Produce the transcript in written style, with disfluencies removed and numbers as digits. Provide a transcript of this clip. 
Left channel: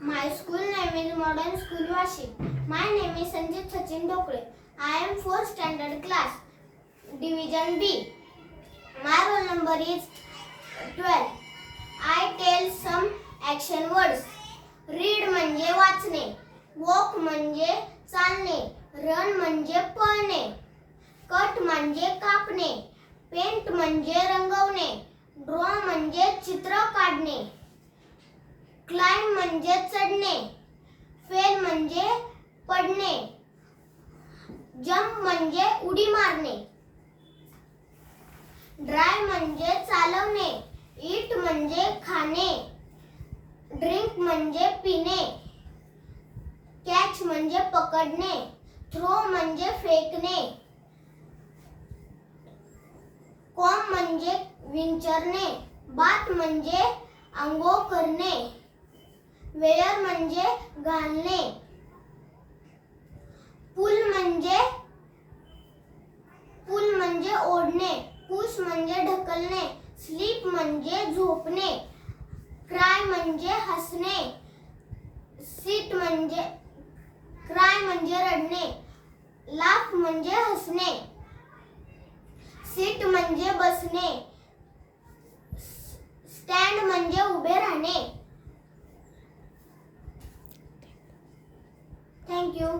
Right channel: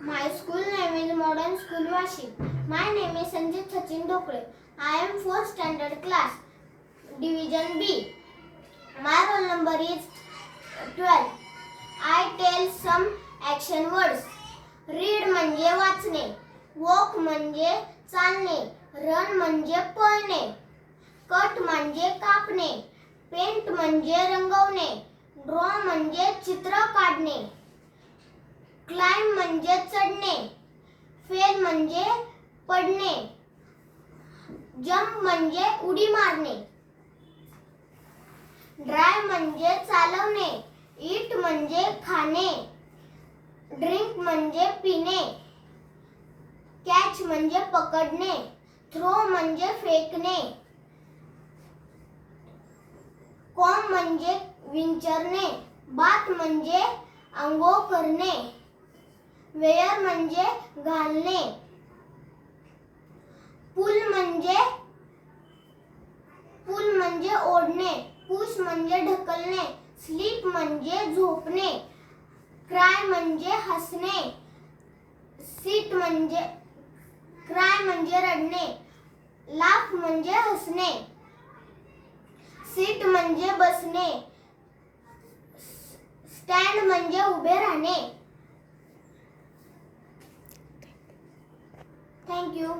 My school name is Modern School Washing. My name is Sanjit Sachin Dokle. I am 4th standard class, Division B. My roll number is 12. I tell some action words. Read म्हणजे वाचणे, walk म्हणजे चालणे, run म्हणजे पळणे, cut म्हणजे कापणे, paint म्हणजे रंगवणे, draw म्हणजे चित्र काढणे, climb म्हणजे चढणे, fail म्हणजे पडणे, jump म्हणजे उडी मारणे, drive म्हणजे चालवणे, eat म्हणजे खाणे, ड्रिंक म्हणजे पिणे, कॅच म्हणजे पकडणे, थ्रो म्हणजे फेकणे, कॉम म्हणजे विंचरणे, बाथ म्हणजे आंघोळ करणे, वेअर म्हणजे घालणे, पुल म्हणजे ओढणे, पुश म्हणजे ढकलणे, स्लीप म्हणजे झोपणे, क्राय म्हणजे हसणे, क्राय म्हणजे रडणे, लाफ म्हणजे हसणे, सिट म्हणजे बसणे, स्टँड म्हणजे उभे राहणे. Thank you.